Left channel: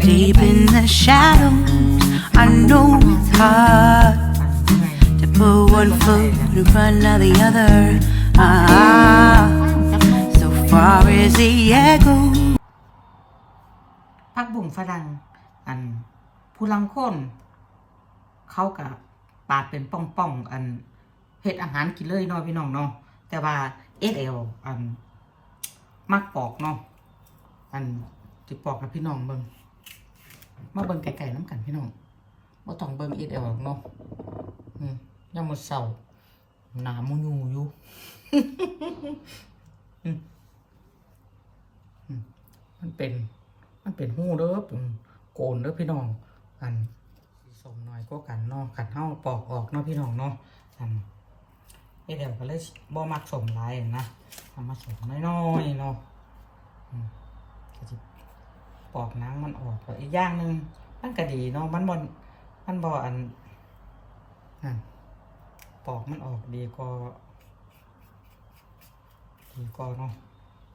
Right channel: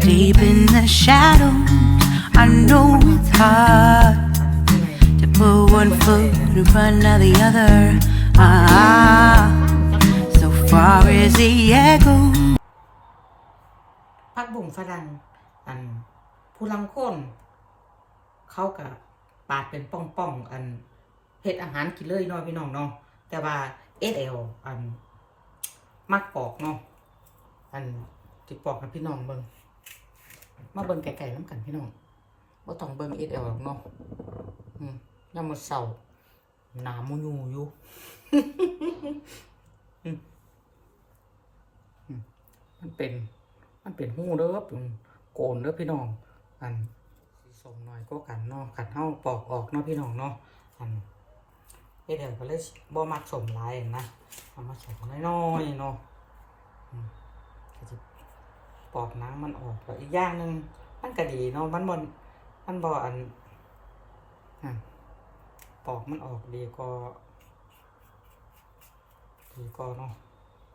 Deep in the shadows, I know it's hard to put one foot in front of the other. Ah, so far as the echo. พักบุ่งฝรั่งอันผู้ลังคนเขากับปาดเป็นป่องๆอันเฮ็ดอาหารกินเลยเนาะพี่น้องเนาะ แต่ว่าเอสเอลอันมักปอกเนาะอันที่ปอกกับพี่น้องเบิงมาเบิงไก่ๆน้ำกันพี่น้องบ่ต้องเบิงเอสเอลหรอกเนาะอืมยามมื้อเช้าหนามูยูอยู่มันเป็น มันเป็นหูเด้อเป็นโกนเด้อพี่น้องอันสีสมหน่อยก็กันเนาะกันเฮาปอกออกเนาะพี่น้องเนาะอัน เฮ็ดเดี๋ยวก็เลยบ่มักสมหลายนะเอามาสมน้อยๆเนาะก็สิปอกนังมันออกแล้วอีกอย่างหนึ่งมันก็ดีเนาะมันบ่มันบ่อันนั่นปอกมันออกดีกว่าดีกว่าเนาะ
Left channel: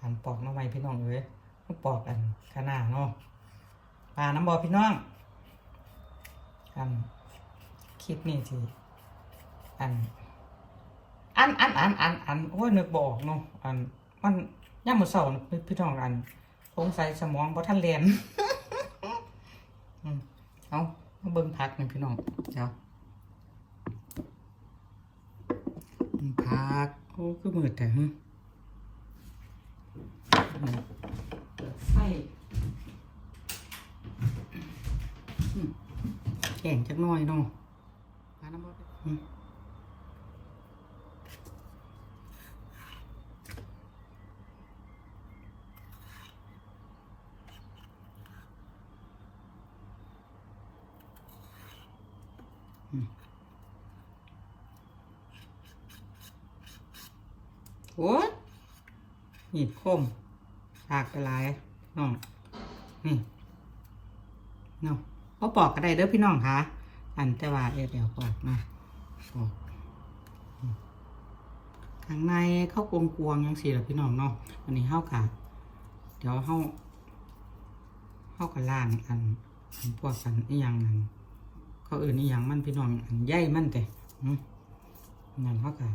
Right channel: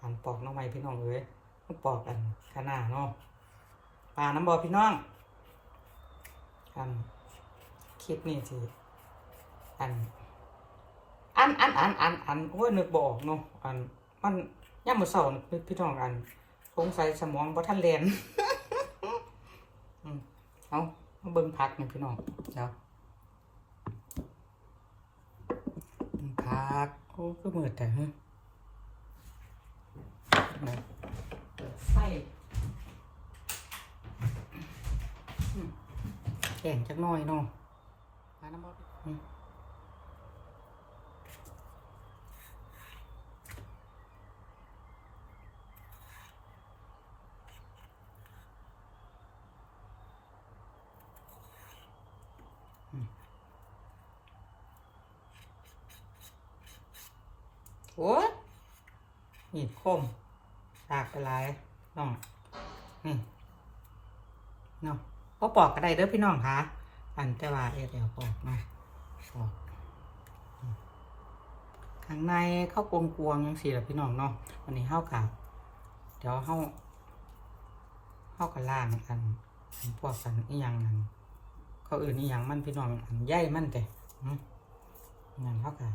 อันปอกน้องไม้พี่น้องเอ้ยมันปอกอันขนาดเนาะปลาน้ำบอพี่น้องอันคลิปนี่สิอัน อันอันอันอันอันโอ้ยนึกบออกเนาะอันมันย่ามมือเสาร์น่ะพี่พี่น้องอันสงสัยสมองบ่ทันเรียนอืมเอาเอาเบิ่งพักหนี่อยพี่น้องเจ้าเบิ่งพักโอ้คือมืดแต่ฮะไฟแข่งจักหน่อยเนาะมาน้ำมันอืมอืมโอ้ยนี่ค มฉากไปหลายน้องนี่เนาะก็ปอกก็ได้เด้อพี่น้องคะอันแต่ว่าเดี๋ยวเดี๋ยวปอกนะปอกข้างในเข้ากวงกวงๆยังสี่ละพี่น้องเนาะวันนี้เข้ากับเดี๋ยวเข้าเข้ากับล่างอันอันพวกกันอีหยังอันเขาอื่นอีหยังมันพี่น้องอันใหญ่มันแต่อืมงั้นเข้ากับ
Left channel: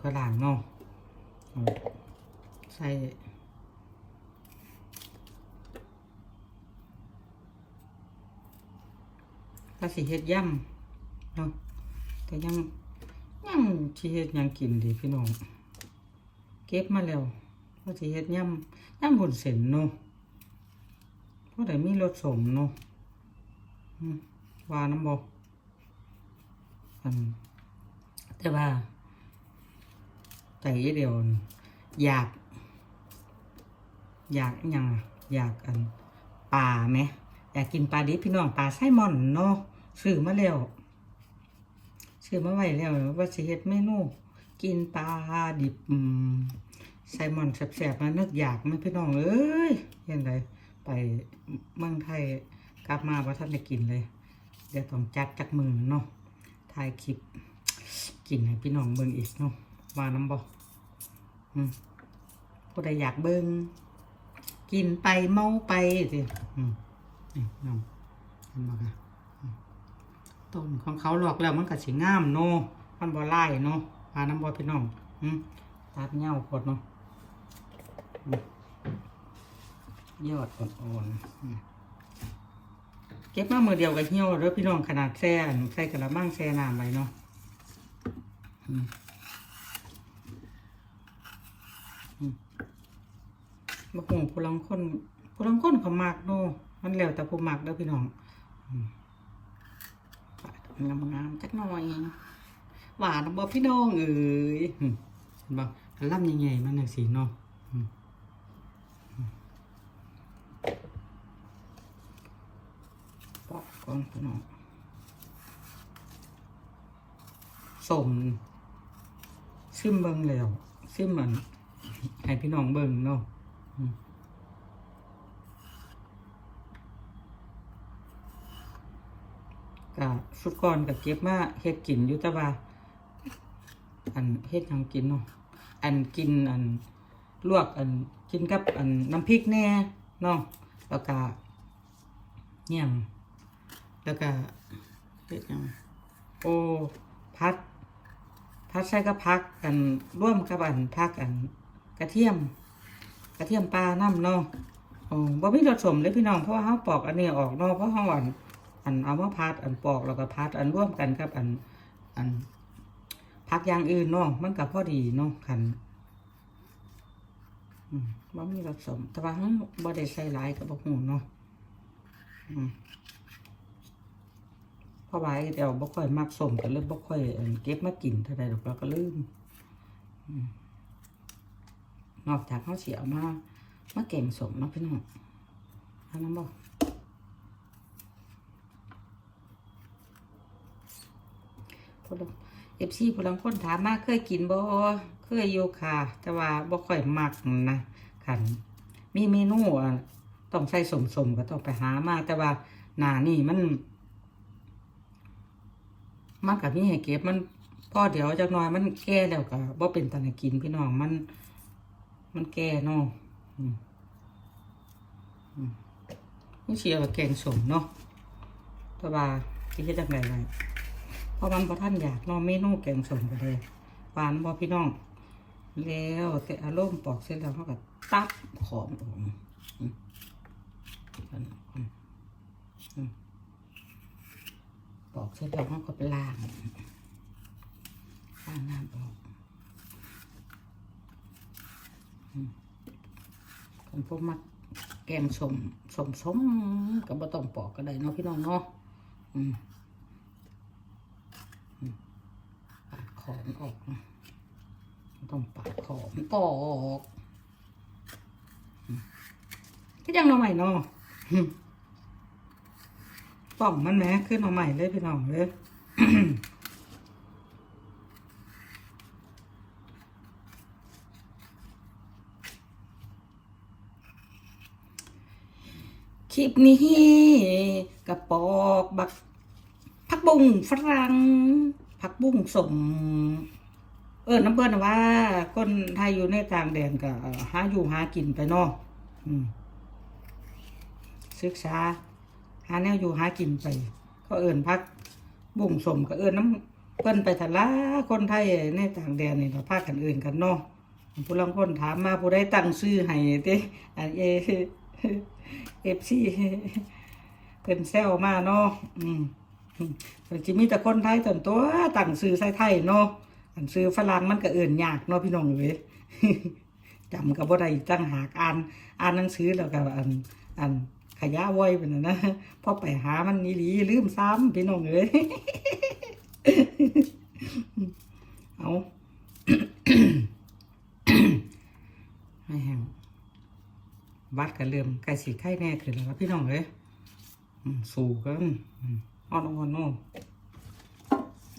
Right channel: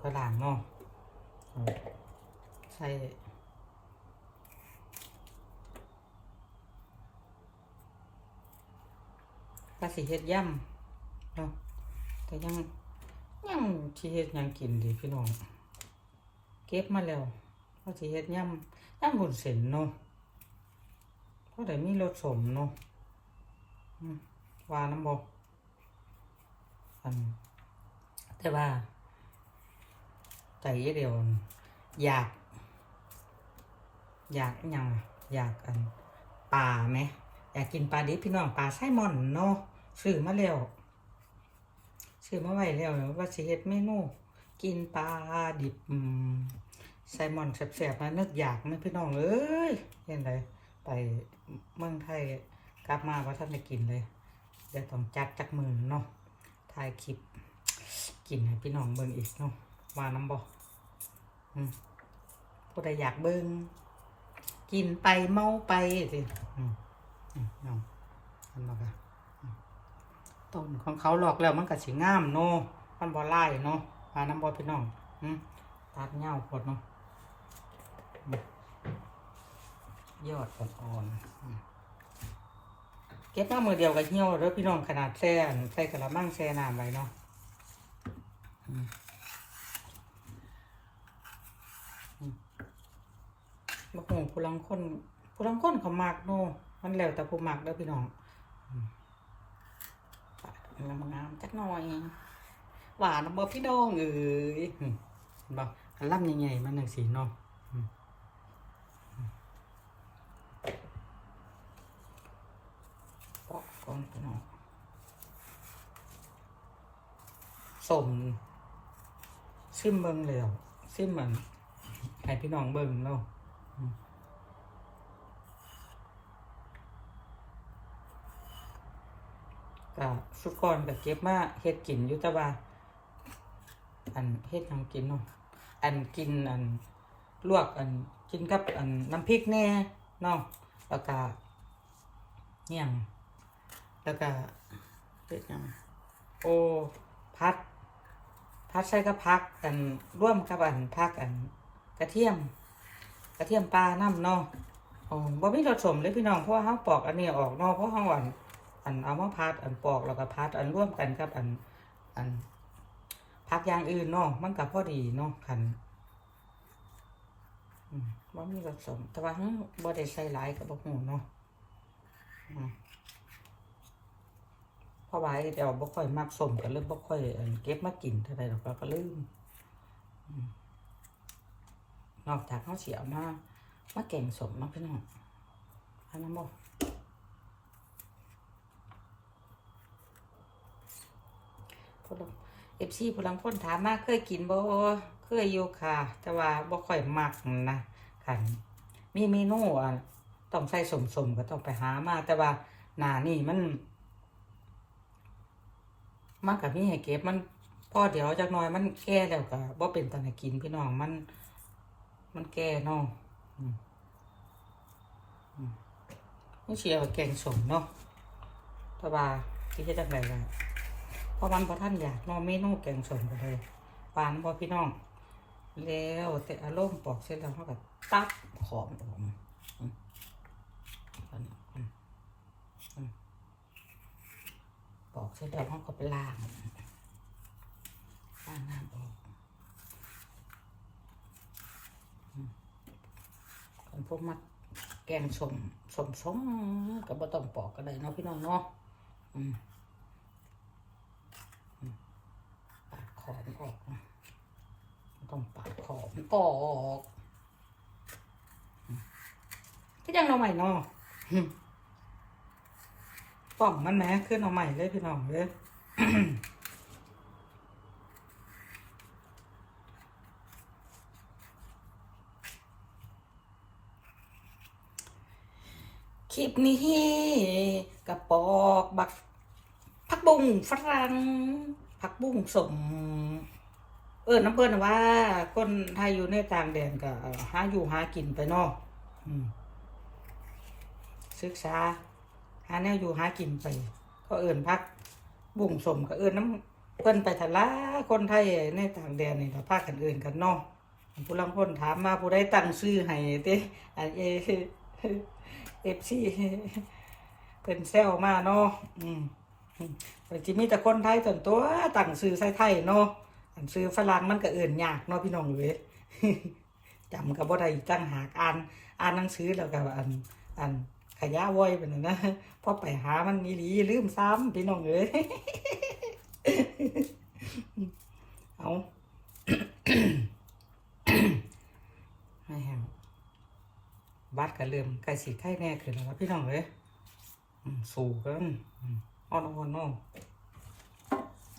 ก็ล่างเนาะเอา ใส่ก็สิเฮ็ดย่ำเนาะแต่ยังยังสิเฮ็ดยังกินดีพี่น้องเก็บมาแล้วว่าสิเฮ็ดย่ำย่ำบุญเส้นเนาะเพราะได้มีรสสมเนาะอืมว่าน้ำบ่อันแต่ว่าแต่ยเดียวนี่อยาก อยากอหยังอยากอันปลาไหมอยากกินปลาดิบพี่น้องปลาไซมอนเนาะซื้อมาแล้วซื้อมาไว้แล้วว่าสิเฮ็ดเมนูกินปลาดิบไซมอนแซ่บๆมานึกอยากไหมพี่น้องเอ้ยเห็นไดไปเมืองไทยกลับมาว่าท่านได้กินเลย เดี๋ยวต้องจัดจักมือเนาะถ่ายคลิปกินให้พี่น้องเบิ่งอีกเนาะว่าน้ำบอืมผู้ใดอยากเบิ่ง กินไปเมาไปสิอืมนี่น้องเห็นบ่คะอืมต้นของเขาหลอกแล้วมันก็สิงามเนาะมันบ่ไล่เนาะพาน้ำบ่พี่น้องตัดเหง้าพดเนาะอืมยอดอ่อนๆเก็บมามือเดียวกับเหี่ยวแล้วพี่น้องขนาดแซ่ใส่กระมังแซ่น้ำไว้เนาะอืมอืม มะม่วงผู้ลังคนผู้ลังคนเขามักเนาะมันแล้วแต่ผู้มักเด้อพี่น้องอืมปาดงามงามจักหน่อย หวานนะบ่พี่น้องเอ้ยบ่กระล่ำยังไงมันน่ะสิเนาะปอกก่อนพี่น้องสมซิมเบิ่งแล้วซิมมันให้พี่น้องเบิ่งเนาะ อืมก็สุก่อนก็เก็บมาเฮ็ดกินอยู่ต่ว่าอันเฮ็ดหยังกินเนาะอันกินอันลวกอันกินกับอันน้ำพริกแน่เนาะแล้วก็เนี่ยงแล้วก็เป็นหยังโอ้พัดพัดใส่กับพักกันร่วมกับอันพักอันกระเทียม กระเทียมปลาน้ำเนาะอ๋อบ่มีรสสมเลยพี่น้องเพราะว่าเฮาปอกอันนี้ออกเนาะเพราะเฮาอันอันเอามาพัดอันปอกแล้วก็พัดอันร่วมกันกับอันอันพักอย่างอื่นเนาะมันก็พอดีเนาะคันอืมบ่มีรสสม แต่ว่าเฮาบ่ได้ใส่หลายกับบ่ฮู้เนาะอืมเพราะว่าไอ้เดี๋ยวบ่ค่อยมักสมกันเลยบ่ค่อยอันเก็บมากินเท่าใดดอกเราก็ลืม นอกจากเขาเสียมามาแกงสมเนาะพี่น้องอันนั้นบอกพวกเอฟซีพลังคนถามมาเคยกินบ่เคยอยู่ค่ะ แต่ว่าบ่ค่อยมักนะขันมีเมนูอะต้องใส่สมสมก็ต้องไปหามาแต่ว่าหนานี่มันมันกับนี่ให้เก็บมันพอเดี๋ยวจักน่อยมันแก่แล้วก็บ่เป็นตาให้กินพี่น้องมัน มันแก่เนาะอืมอืมนี่เชียร์ว่าแกงสมเนาะต่ว่าที่จะจังไรกันเพราะมันพอท่านอยากเนาะเมนูแกงสมกันเลยหวานบ่พี่น้อง แล้วแต่อารมณ์ปอกเสร็จแล้วเขาก็ตักขอมออมอือืมอืมอืมปอกเสร็จแล้วเขาก็ไปล้างล้างน้ำออก คนพวกมักแกงสมสมสมก็บ่ต้องปอกก็ได้เนาะพี่น้องเนาะอืมปาดขอมออกต้องปาดขอมออกก็ยังเอาใหม่เนาะป่องมันแหมขึ้นเอาใหม่เลยพี่น้องเลย คลิปนี้กระปอกบักผักบุ้งฝรั่งผักบุ้งสม เออน้ำเบิ้ลนะว่า คนไทยอยู่ในต่างแดนก็หาอยู่หากินไปนอืมศึกษา หาแนวอยู่หากินไป ก็เอิญพักบุ้งสมก็เอิญน้ำเปิ้นไปทะละคนไทยในต่างแดนนี่เราพากันเอิญกันนาะผู้ลังคนถามมาผู้ได้ตั้งชื่อให้เด้อันเอ เอฟซีเพิ่นแซวมาเนาะอืมอืมแต่จิมีแต่คนไทยตันตัวตั้งซื้อใส่ไทยเนาะอันซื้อฝรั่งมันก็เอื่นยากเนาะพี่น้องเว้ยจำกับบ่ได้ตั้งหากอ่านอ่านหนังสือแล้วก็อันอันขยะไว้เป็นนะนะพอไปหามันนี่ดีลืมซ้ำพี่น้องเอ้ยเอา ให้แห้ง วัดกันเริ่มใกล้สีใกล้แน่ขึ้นแล้วพี่น้องเอ้ยสูงเกินอ่อนอ่อนเนาะ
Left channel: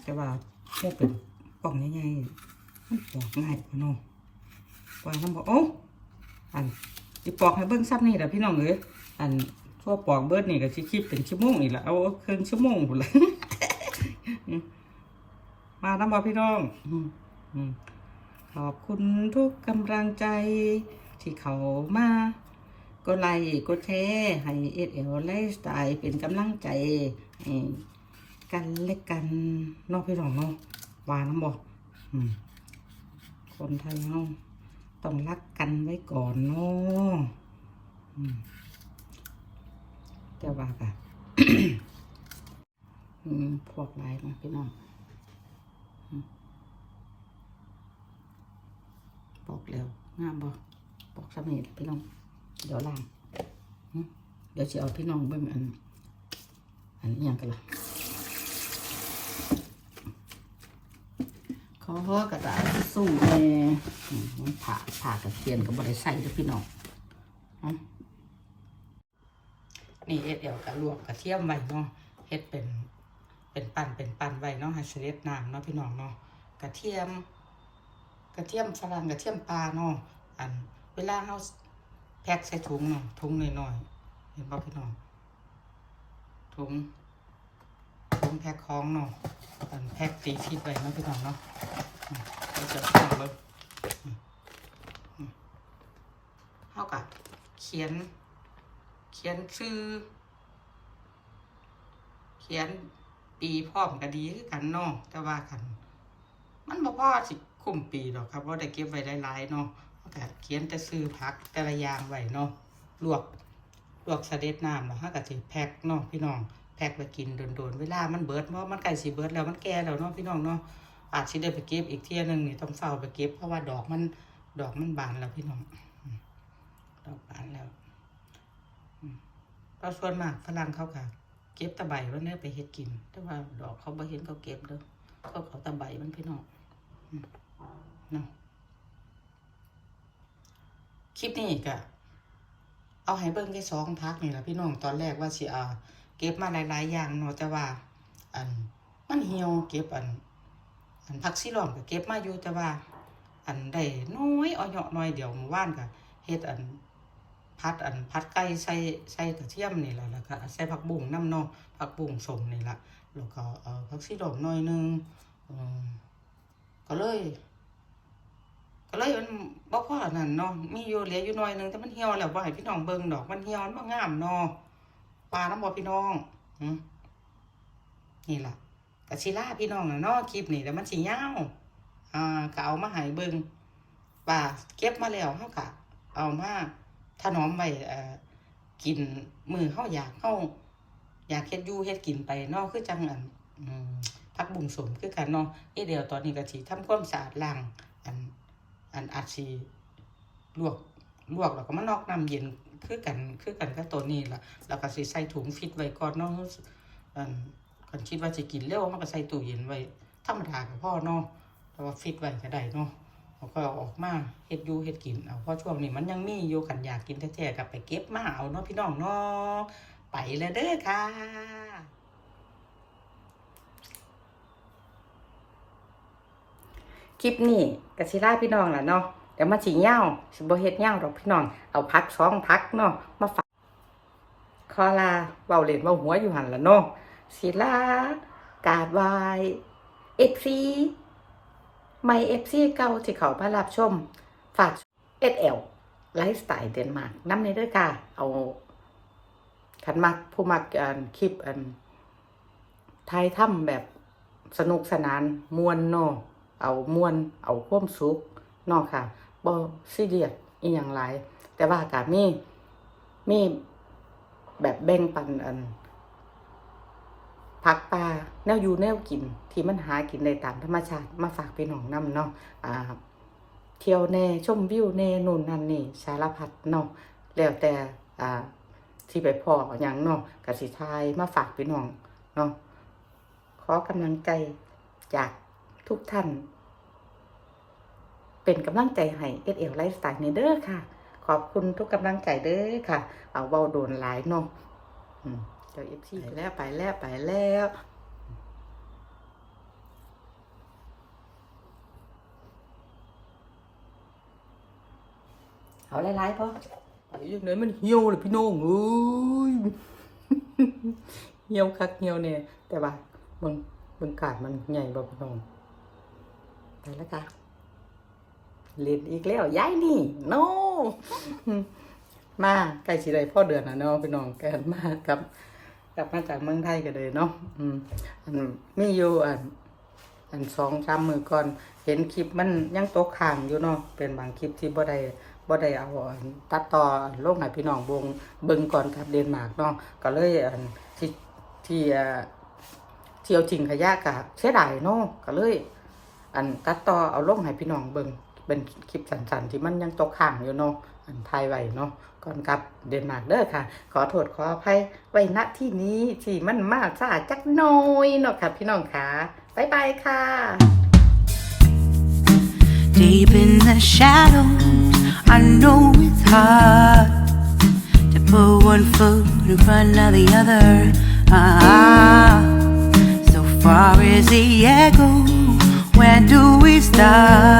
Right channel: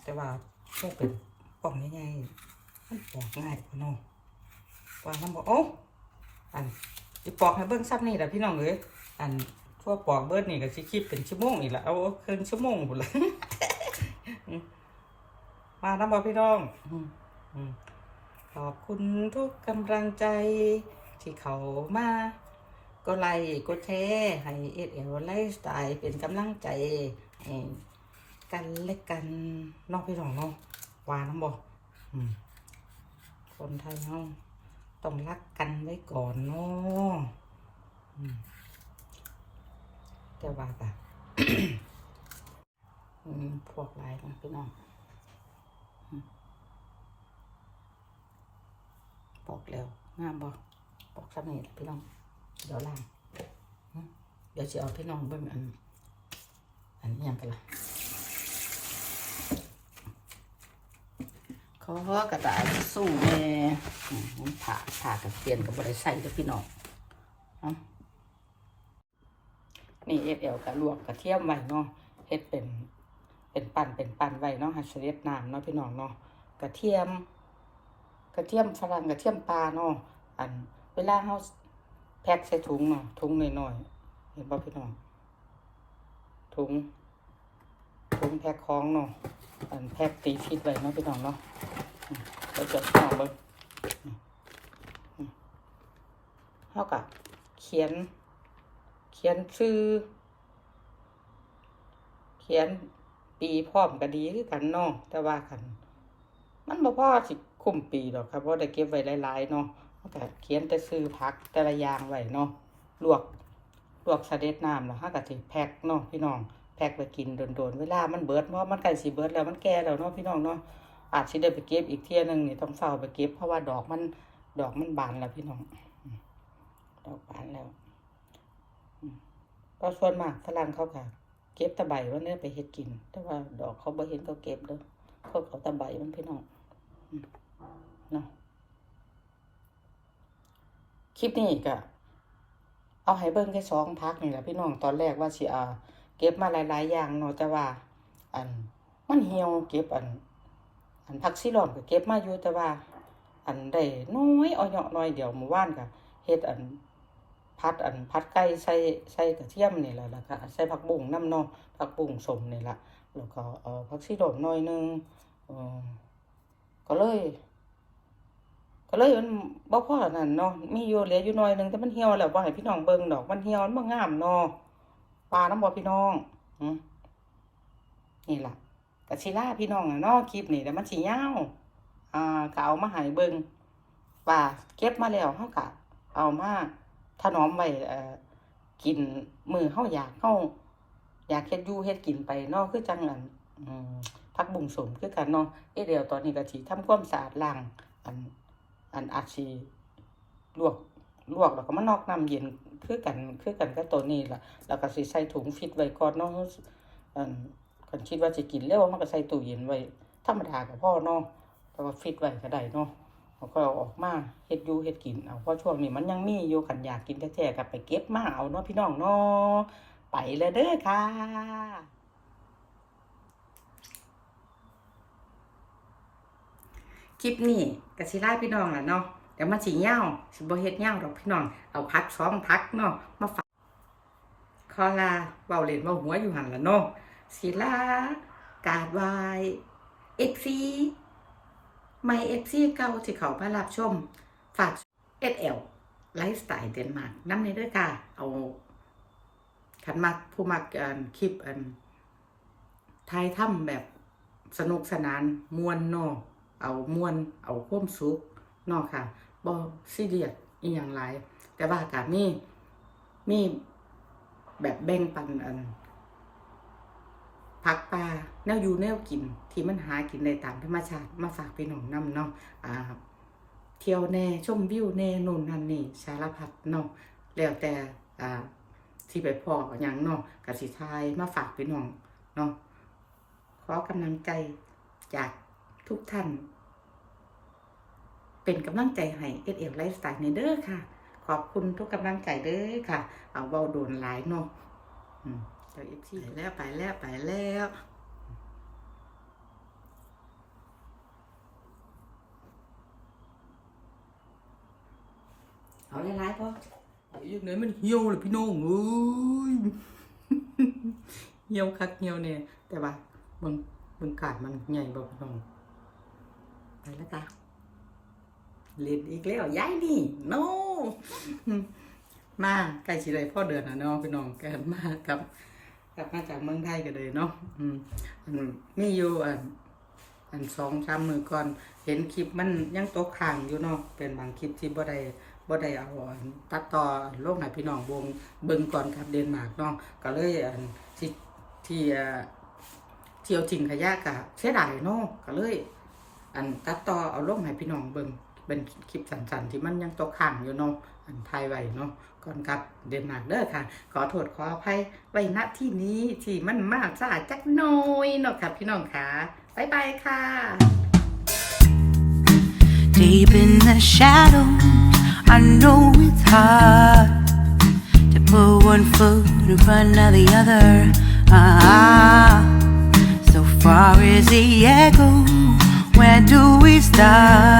แต่ว่าพวกเป็นกล่องง่ายๆมันปอกง่ายกว่าเนาะปอกน้ำบอกโอ้อันจะปอกให้เบิ้งซับนี่แหละพี่น้องเอ้ยอันทั่วปอกเบิ้งนี่ก็สิคิดเป็นชั่วโมงนี่แหละเอาเครื่องชั่วโมงหมดละมาน้ำบอกพี่น้องขอบคุณทุกกำลังใจที่เขามา ก็ไลค์ก็แชร์ให้เอสเอลไลฟ์สไตล์เป็นกำลังใจให้กันและกันนอกพี่น้องเนาะวาน้ำบอกคนไทยเนาะต้องรักกันไว้ก่อนเนาะอืมแต่ว่ากันอืมพวกไลน์นะพี่น้องบอกแล้วงามบอกบอกสำเร็จพี่น้อง เดี๋ยวล่างเดี๋ยวจะเอาพี่น้องเบิ่งอัน อันนี้ยังกันล่ะเขาว่ากระดาษสู้แน่ผ่าผ่ากระเทียนกับบริใส่เด้อพี่น้องนี่เอ็ดเดี๋ยวกระลวกกระเทียมไว้เนาะเฮ็ดเป็นเป็นปั่นเป็นปั่นไว้เนาะให้เสด็จน้ำเนาะพี่น้องเนาะกระเทียม กระเทียมฝรั่งกระเทียมปลาเนาะอันเวลาเรา แพ็คใส่ถุงเนาะถุงหน่อยๆเห็นป่ะพี่น้องถุงถุงแพ็คของเนาะอันแพ็คตีชิดไว้เนาะพี่น้องเนาะเราจะพี่น้องเบิ่งเท่ากับเขียน เขียนชื่อ เขียนปีพร้อมก็ดีคือกันเนาะแต่ว่าคัน มันบ่พอสิคุ้มปีหรอกครับเพราะได้เก็บไว้หลายๆเนาะ เราก็เขียนแต่ซื้อพักแต่ละอย่างไว้เนาะลวกลวกเสด็จน้ำแล้วเฮาก็สิแพ็คเนาะพี่น้องแพ็คไปกินโดนๆเวลามันเบิดเนาะมันใกล้สิเบิดแล้วมันแก่แล้วเนาะพี่น้องเนาะอาจสิได้ไปเก็บอีกเที่ยหนึงนี่ต้องเฝ้าไปเก็บเพราะว่าดอกมันดอกมันบานแล้วพี่น้องดอกบานแล้วเพราะส่วนมากฝรั่งเขาก็เก็บตะใบมันเนี่ยไปเฮ็ดกิน แต่ว่าดอกเขาบ่เห็นเขาเก็บเด้อเขาเขาตะใบมันพี่น้องเนาะ คลิปนี้ก็เอาให้เบิ่งแค่สองพักนี่แหละพี่น้องตอนแรกว่าสิอ่าเก็บมาหลาย ๆ อย่างเนาะแต่ว่า อันมันเหี่ยวเก็บอัน อันพักซิลอมก็เก็บมาอยู่แต่ว่า อันได้น้อยเอาเหยาะน้อยเดี๋ยวเมื่อวานก็เฮ็ดอันพัดอันพัดไก่ใส่ใส่กระเทียมนี่แหละแล้วก็ใส่ผักบุ้งน้ำนาะผักบุ้งสมนี่แหละแล้วก็เอ่อผักซีดอมหน่อยหนึงเออก็เลย ก็เลยมันบ่พอนั่นเนาะมีอยู่เหลืออยู่หน่อยหนึงแต่มันเหี่ยวแล้วบ่ให้พี่น้องเบิ่งดอกมันเหี่ยวมันบ่งามเนาะปลาน้ำบ่พี่น้องนี่ล่ะก็สิลาพี่น้องน่ะเนาะคลิปนี้แล้วมันสิยาวอ่าก็เอามาให้เบิ่งว่าเก็บมาแล้วเฮาก็เอามาถนอมไว้เอ่อกินมือเฮาอยากเฮาอยากเฮ็ดอยู่เฮ็ดกินไปเนาะคือจังอันอืมผักบุ้งสมคือกันเนาะเอะเดี๋ยวตอนนี้ก็สิทำความสะอาดล้างอัน อันอาจสิลวกลวกแล้วก็มานอกน้ำเย็นคือกันคือกันกับตัวนี้ล่ะแล้วก็สิใส่ถุงฟิตไว้ก่อนเนาะอันคันคิดว่าสิกินเร็วเฮาก็ใส่ตู้เย็นไว้ธรรมดากับพ่อเนาะแต่ว่าฟิตไว้ก็ได้เนาะเขาก็เอาออกมาเฮ็ดยูเฮ็ดกินเอาเพราะช่วงนี้มันยังมีอยู่คันอยากกินแท้ๆก็ไปเก็บมาเอาเนาะพี่น้องเนาะไปแล้วเด้อค่ะ คลิปนี้กสิลาพี่น้องล่ะเนาะเดี๋ยวมาสิเหย้าสิบ่เฮ็ดเหย้าดอกพี่น้อง เอาพักสองพักเนาะมาฝากขอลาเว้าเล่นเว้าหัวอยู่หันล่ะเนาะสิลากาบไหว้ FC ไม่ FC เก่าที่เขามารับชม ฝาก SL ไลฟ์สไตล์เดนมาร์กน้ำในด้อค่ะเอาคันมักผู้มักอันคลิปอันไทยถ้ำแบบสนุกสนานมวนเนาะ เอามวน เอาความสุขนาะค่ะบ่ซีเรียสอีหยังหลายแต่ว่าก็มีมีแบบแบ่งปันอันผักปลาแนวอยู่แนวกิน ที่มันหากินได้ตามธรรมชาติมาฝากพี่น้องนำเนาะอ่าเที่ยวแน่ชมวิวแน่นู่นนั่นนี่สารพัดเนาะแล้วแต่อ่าที่ไปพออย่างเนาะกสิทายมาฝากพี่น้องเนาะขอกำลังใจจาก ทุกท่าน เป็นกำลังใจให้เอสเอลไลฟ์สไตล์ในเด้อค่ะ ขอบคุณทุกกำลังใจเด้อค่ะ เอาเบาโดนหลายเนาะอืมเจ้าเอฟซีไปแล้วไปแล้วไปแล้วเอาหลายๆพอไปยังไงมันเหี่ยวเลยพี่น้องเอ้ยเหี่ยวคักเหี่ยวเนี่ยแต่ว่าเบิ่งเบิ่งกาดมันใหญ่บ่พี่น้อง ไปแล้วค่ะเล่นอีกแล้วย้ายนี่โนมาใกล้สิได้พ่อเดือนนะเนาะพี่น้องแกนมากับกลับมาจากเมืองไทยกันเลยเนาะอืมอันมีอยู่อันอันสองสามมือก่อน เห็นคลิปมันยังตกค้างอยู่เนาะเป็นบางคลิปที่บ่ได้บ่ได้เอาตัดต่อโลงให้พี่น้องวงเบิ่งก่อนครับเดนมาร์กเนาะก็เลยอันที่ที่อ่าที่เอาจริงขยะกะเสียดายเนาะก็เลย อันตัดต่อเอาลงให้พี่น้องเบิ่งเป็นคลิปสั้นๆที่มันยังตกค้างอยู่เนาะอันทายไว้เนาะก่อนกลับเดนมาร์กเด้อค่ะ ขอโทษขออภัยไว้ณที่นี้ที่มันมากซ่าจักน้อยเนาะค่ะพี่น้องค่ะบ๊ายบายค่ะ Deep in the shadows, I know it's hard to put one foot in front of the other. Ah, so far is the echoes Where do we start?